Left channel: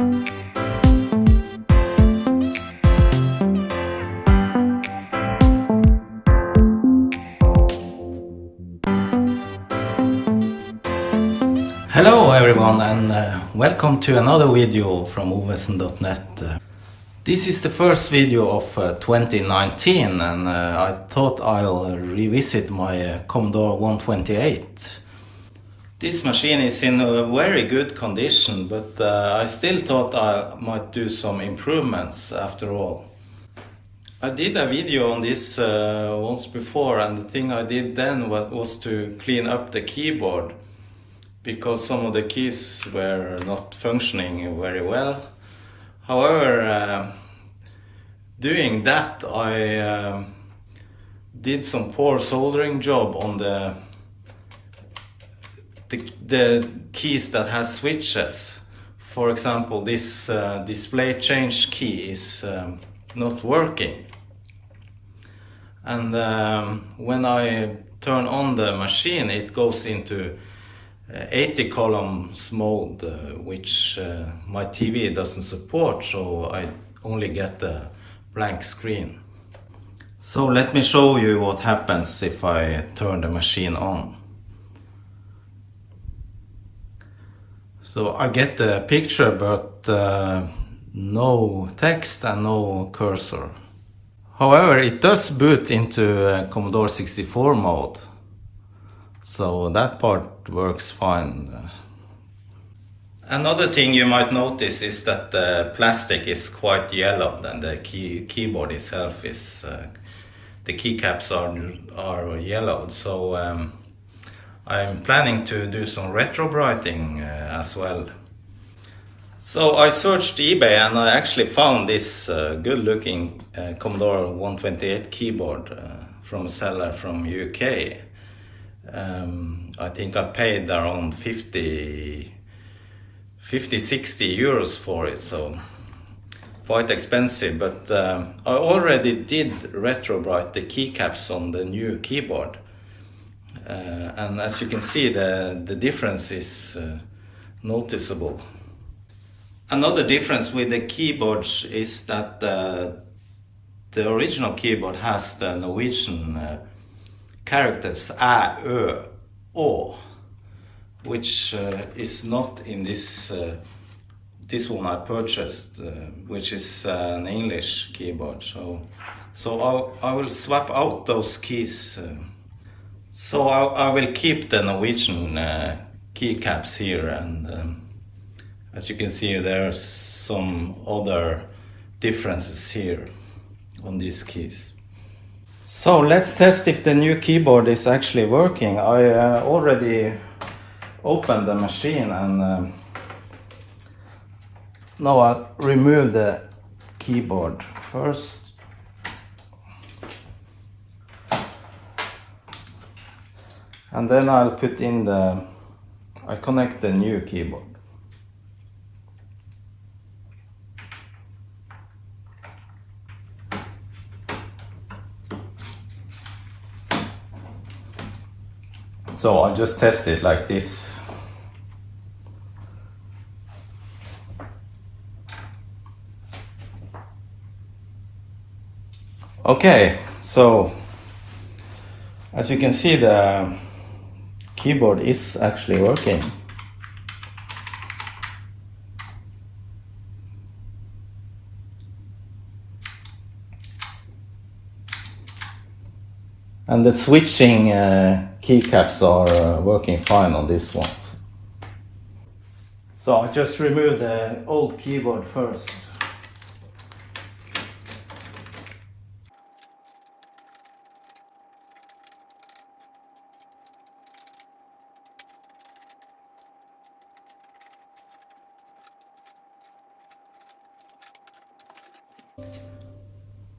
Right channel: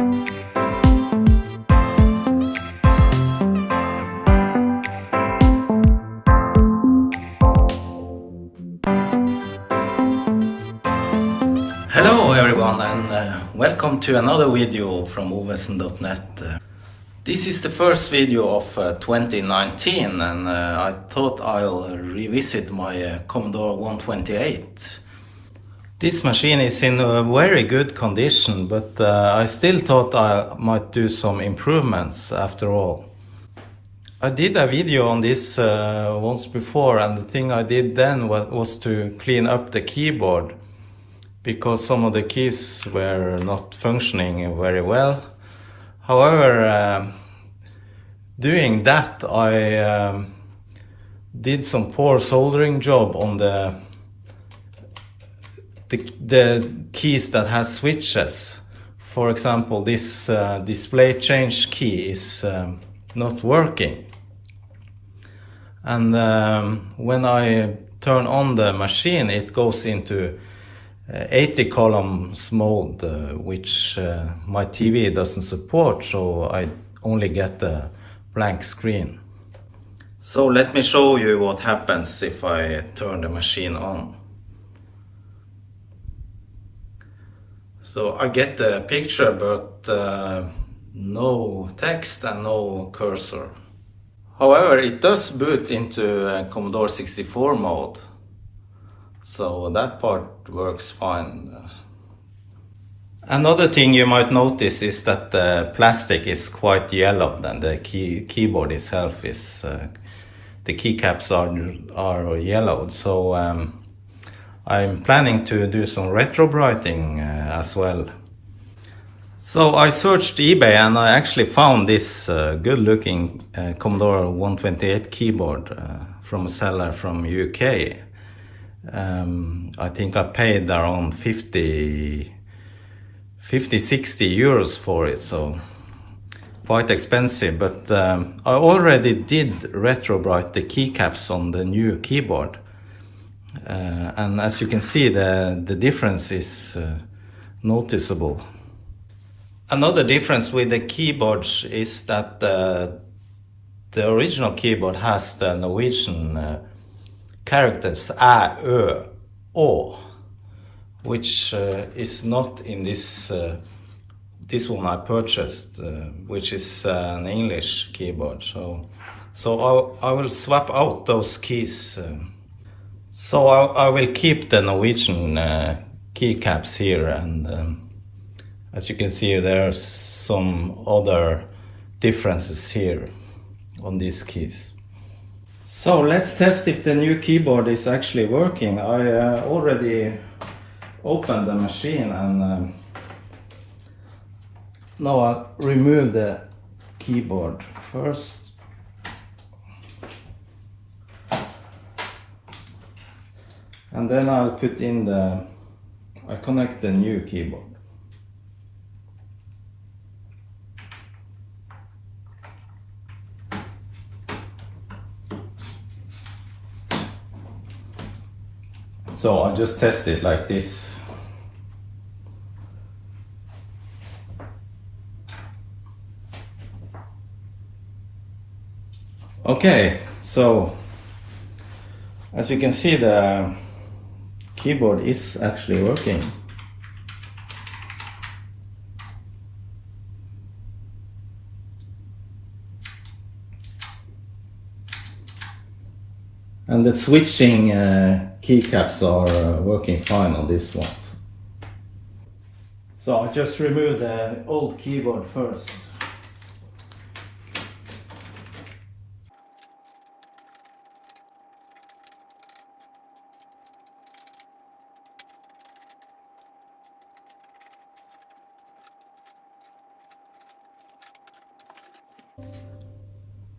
Hello everyone, and welcome to another video from ovesen.net. This is the first video of 2019, and I thought I'll revisit my Commodore 128. This machine is in a very good condition, but I still thought I might do some improvements after all. I did a video on this once before, and the thing I did then was to clean up the keyboard, because some of the keys were not functioning very well. However, doing that I did some poor soldering job on the keys that has switches. For example, this display change key is not working. And when I turn on the machine, it goes into 80 columns mode, which my TV doesn't support, so I only get a blank screen. So let me show you what happens if I turn the machine on. So I get the picture, but no text and no cursor. However, it does boot into Commodore 64 mode. So that part works fine. Another thing you might notice is that the plastic is quite yellowed, and the keyboard itself is, the keycaps are yellowed. So I'm planning to do some retrobrighting as well. So I searched eBay and I actually found this good looking Commodore 128 keyboard from a seller from UK. I think I paid around 50-60 euros for it, so quite expensive, but I already did retrobright the keycaps on the new keyboard, and as you can see, the difference is noticeable. Another difference with the keyboards is that the original keyboard has the Norwegian characters A, Ö, Å, which is not in this one I purchased, which is an English keyboard. So I will swap out those keys. So I will keep the Norwegian keycaps here, and as you can see, there are some other differences here on these keys. So let's test if the new keyboard is actually working. I already opened the machine, and now I remove the keyboard first. And then I'll put in I connect the new keyboard. So I'll just test it like this. Okay, so as you can see, the keyboard is actually working. And the switching keycaps are working fine on this one. So I just remove the old keyboard first.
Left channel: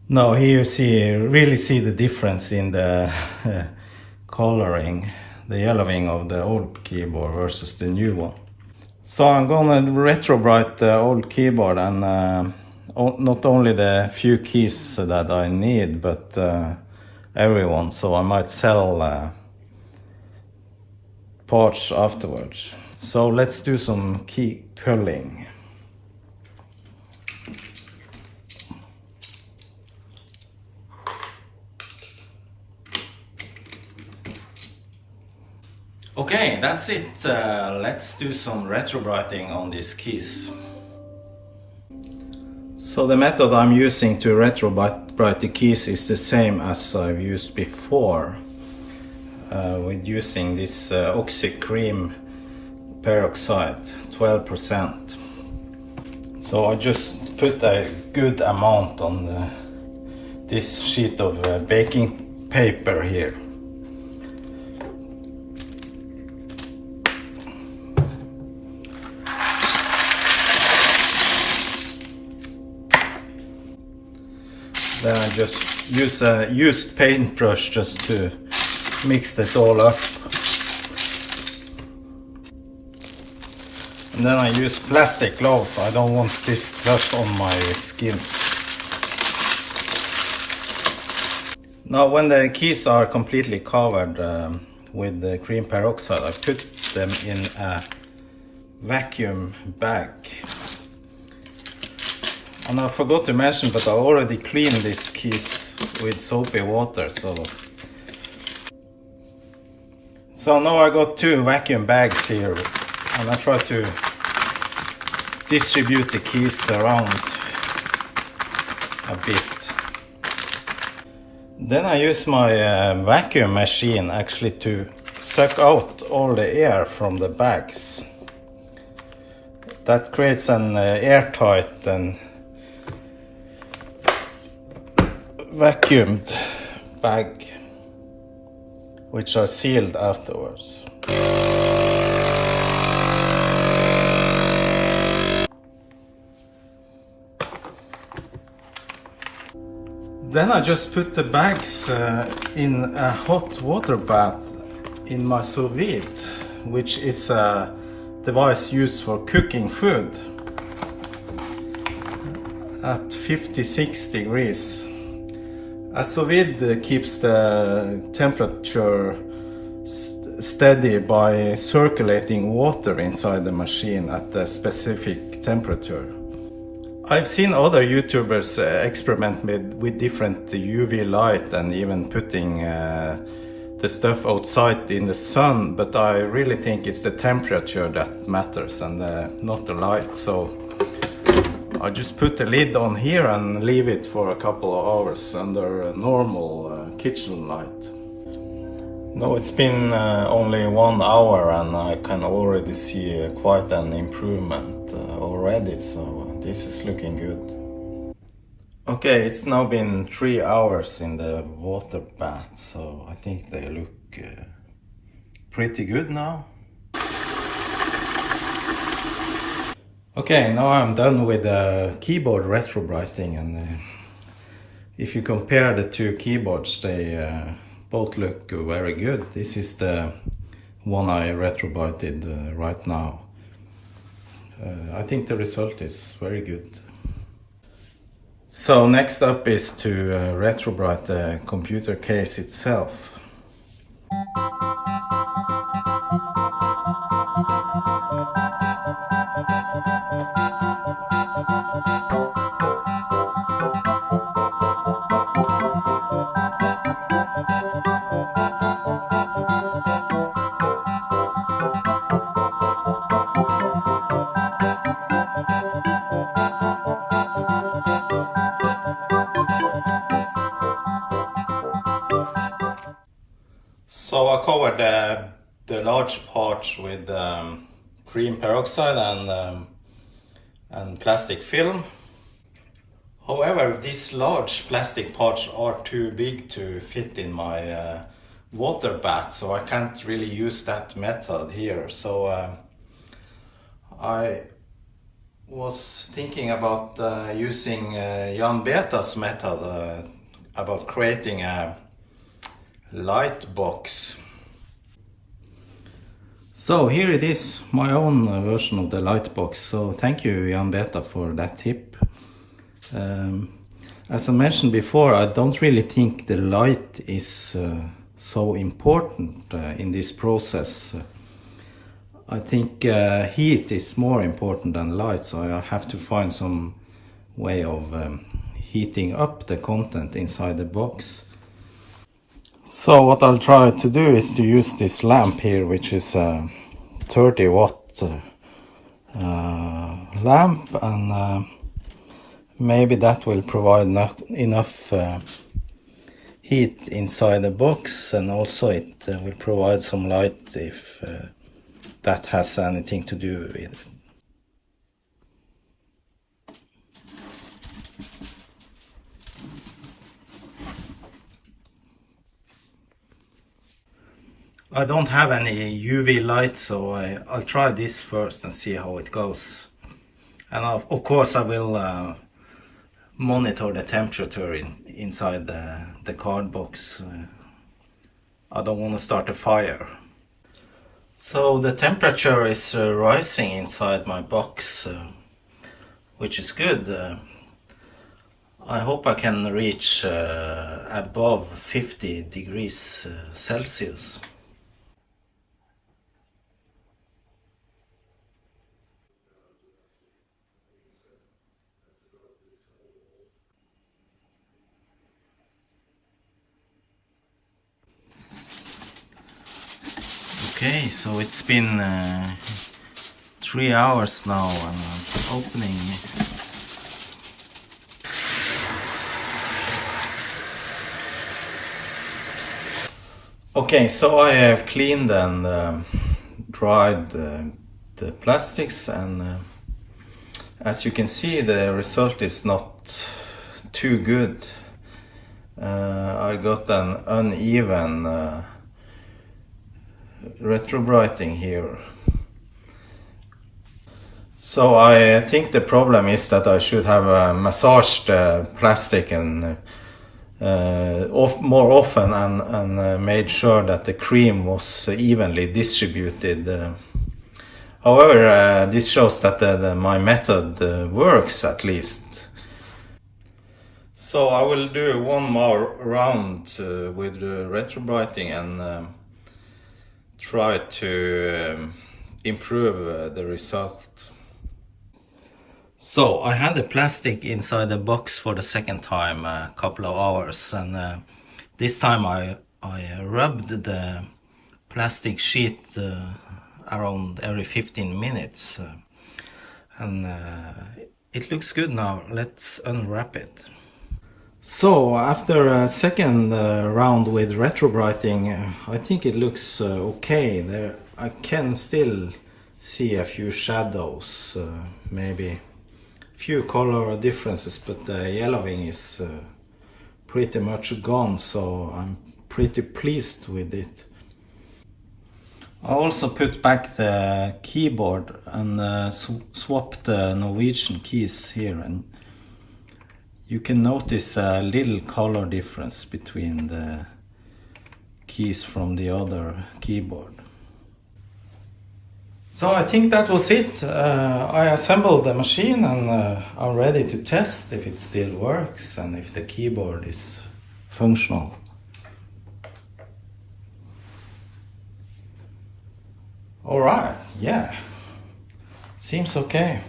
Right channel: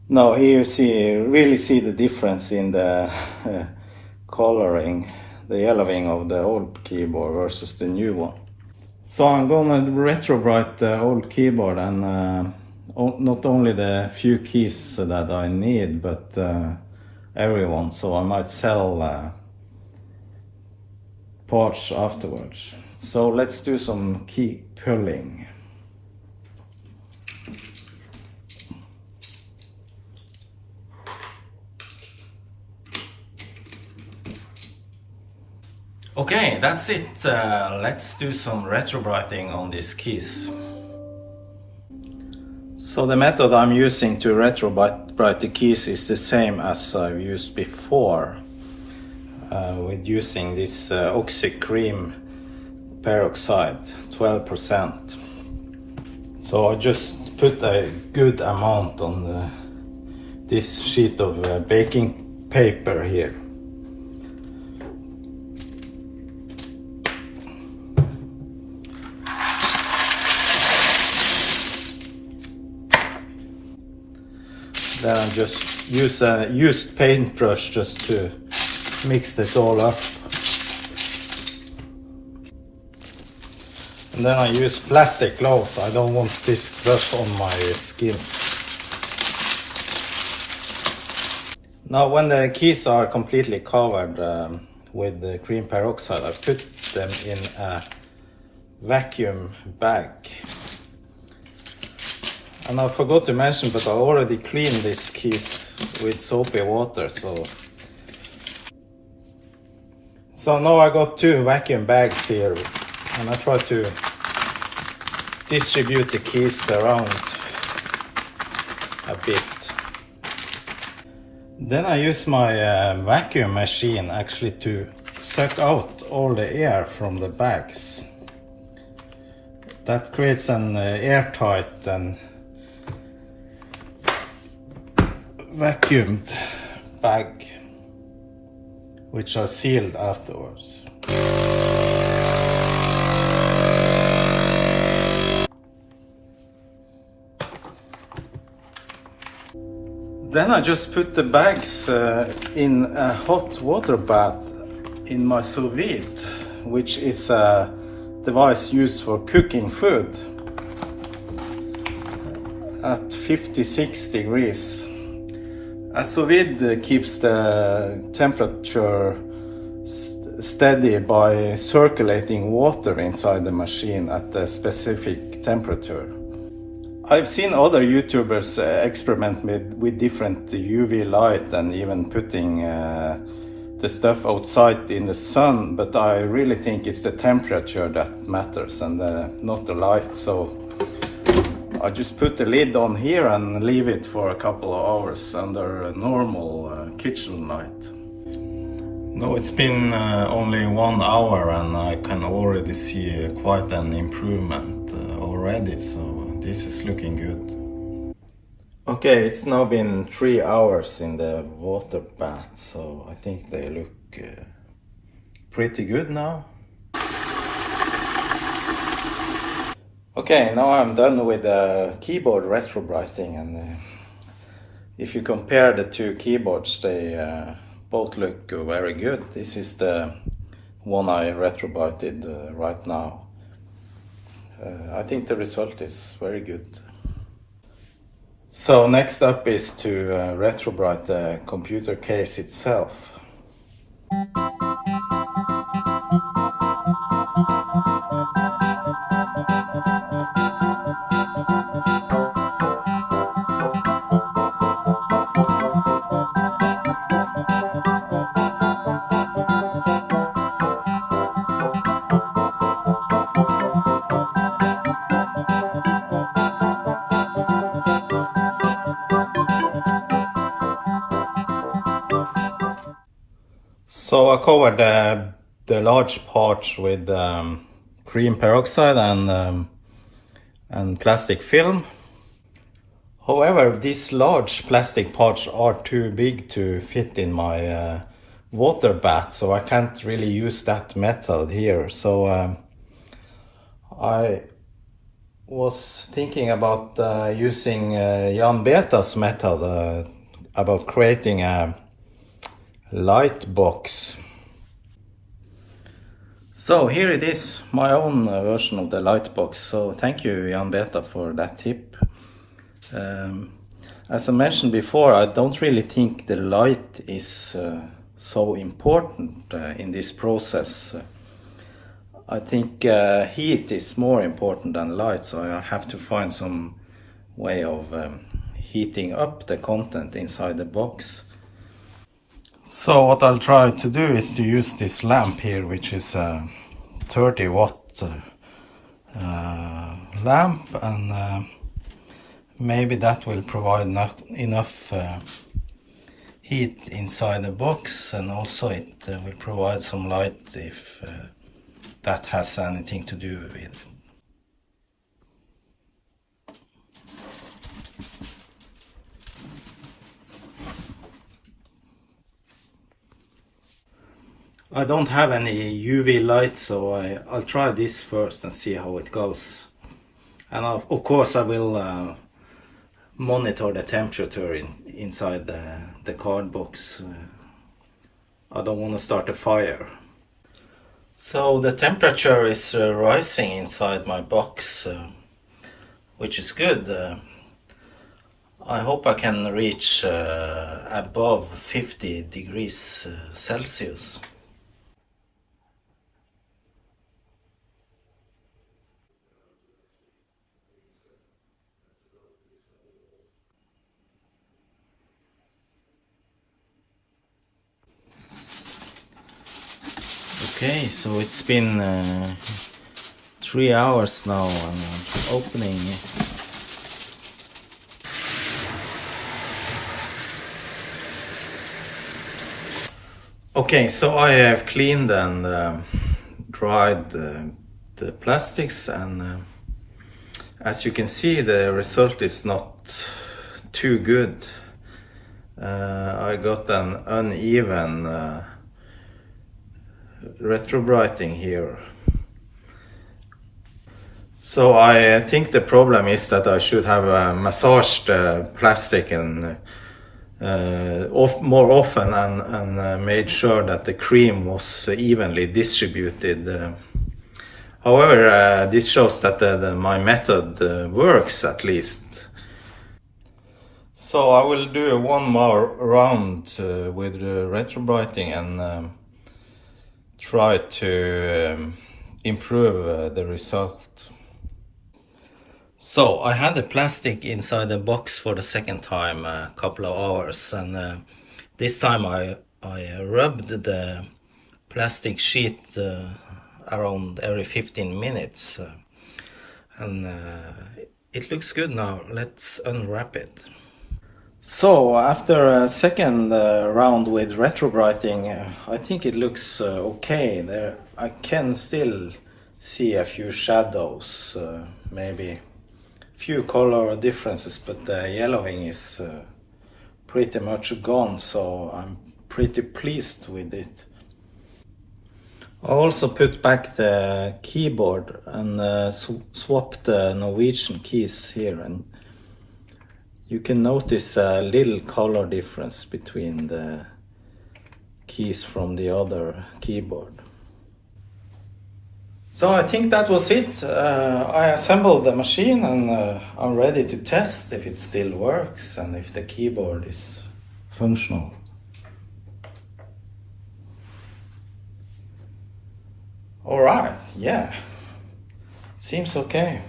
Now here you really see the difference in the coloring, the yellowing of the old keyboard versus the new one. So I'm gonna retrobright the old keyboard, and not only the few keys that I need, but everyone. So I might sell parts afterwards. So let's do some key pulling. Okay, that's it. Let's do some retrobrighting on these keys. So the method I'm using to retrobright the keys is the same as I've used before, with using this oxy cream peroxide, 12%. So I just put a good amount on this sheet of baking paper here. Then I just use a used paintbrush just to mix it all up. And then I use plastic gloves. I don't want this stuff on my skin. Now when the keys are completely covered with the cream peroxide, I put them in a vacuum bag. And I forgot to mention, but I already cleaned these keys with soapy water, so now I got 2 vacuum bags here, and I try to distribute the keys around a bit. Then I use my vacuum machine actually to suck out all the air from the bags. That creates an airtight and vacuumed bag, which are sealed afterwards. Then I just put the bags in a hot water bath in my sous vide, which is a device used for cooking food at 56 degrees. A sous vide keeps the temperature steady by circulating water inside the machine at a specific temperature. I've seen other YouTubers experiment with different UV light and even putting the stuff outside in the sun, but I really think it's the temperature that matters and not the light. So I just put the lid on here and leave it for a couple of hours under a normal kitchen light. Now it's been only 1 hour and I can already see quite an improvement already, so this is looking good. Okay, it's now been 3 hours in the water bath, so I think they look pretty good now. Okay, now I'm done with the keyboard retrobrighting, and if you compare the 2 keyboards, they both look very good. This is the one I retrobrighted right now. I think the result is very good. So next up is to retrobright the computer case itself. So I covered the large parts with cream peroxide and plastic film. However, these large plastic parts are too big to fit in my water bath, so I can't really use that method here. So I was thinking about using Jan Beta's method about creating a light box. So here it is, my own version of the light box. So thank you, Jan Beta, for that tip. As I mentioned before, I don't really think the light is so important in this process. I think heat is more important than light, so I have to find some way of heating up the content inside the box. So what I'll try to do is to use this lamp here, which is a 30 watt lamp, and maybe that will provide enough heat inside the box, and also it will provide some light if that has anything to do with it. I don't have any UV light, so I'll try this first and see how it goes. And of course I will monitor the temperature inside the card box. I don't want to start a fire. So the temperature is rising inside my box, which is good. I hope I can reach above 50 degrees Celsius. Okay, so it's been 3 hours now, and I'm opening. Okay, so I have cleaned and dried the plastics, and as you can see, the result is not too good. I got an uneven retrobrighting here. So I think the problem is that I should have massaged plastic and more often, and made sure that the cream was evenly distributed. However, this shows that my method works, at least. So I will do one more round with retrobrighting and try to improve the result. So I had the plastic inside the box for the second time a couple of hours, and this time I rubbed the plastic sheet around every 15 minutes, and it looks good now. Let's unwrap it. So after a second round with retrobrighting, I think it looks okay. There I can still see a few shadows, maybe a few color differences, but the yellowing is pretty much gone, so I'm pretty pleased with it. I also put back the keyboard and swapped the Norwegian keys here, and you can notice a little color difference between the keys from the other keyboard. So I think that was it. I assembled the machine, and I'm ready to test if it still works and if the keyboard is functional. Alright, yeah, seems okay.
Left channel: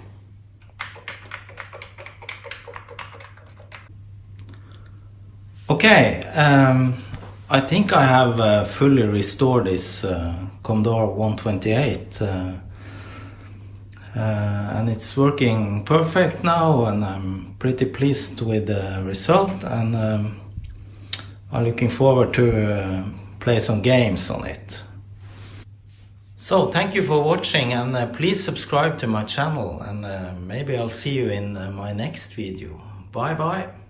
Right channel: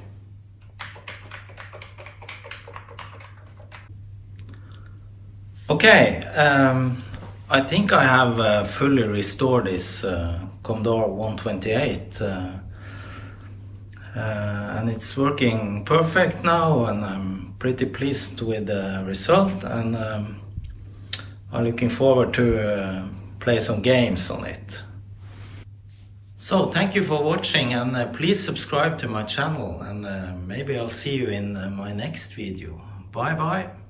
Okay, I think I have fully restored this Commodore 128, and it's working perfect now, and I'm pretty pleased with the result, and I'm looking forward to play some games on it. So thank you for watching, and please subscribe to my channel, and maybe I'll see you in my next video. Bye bye.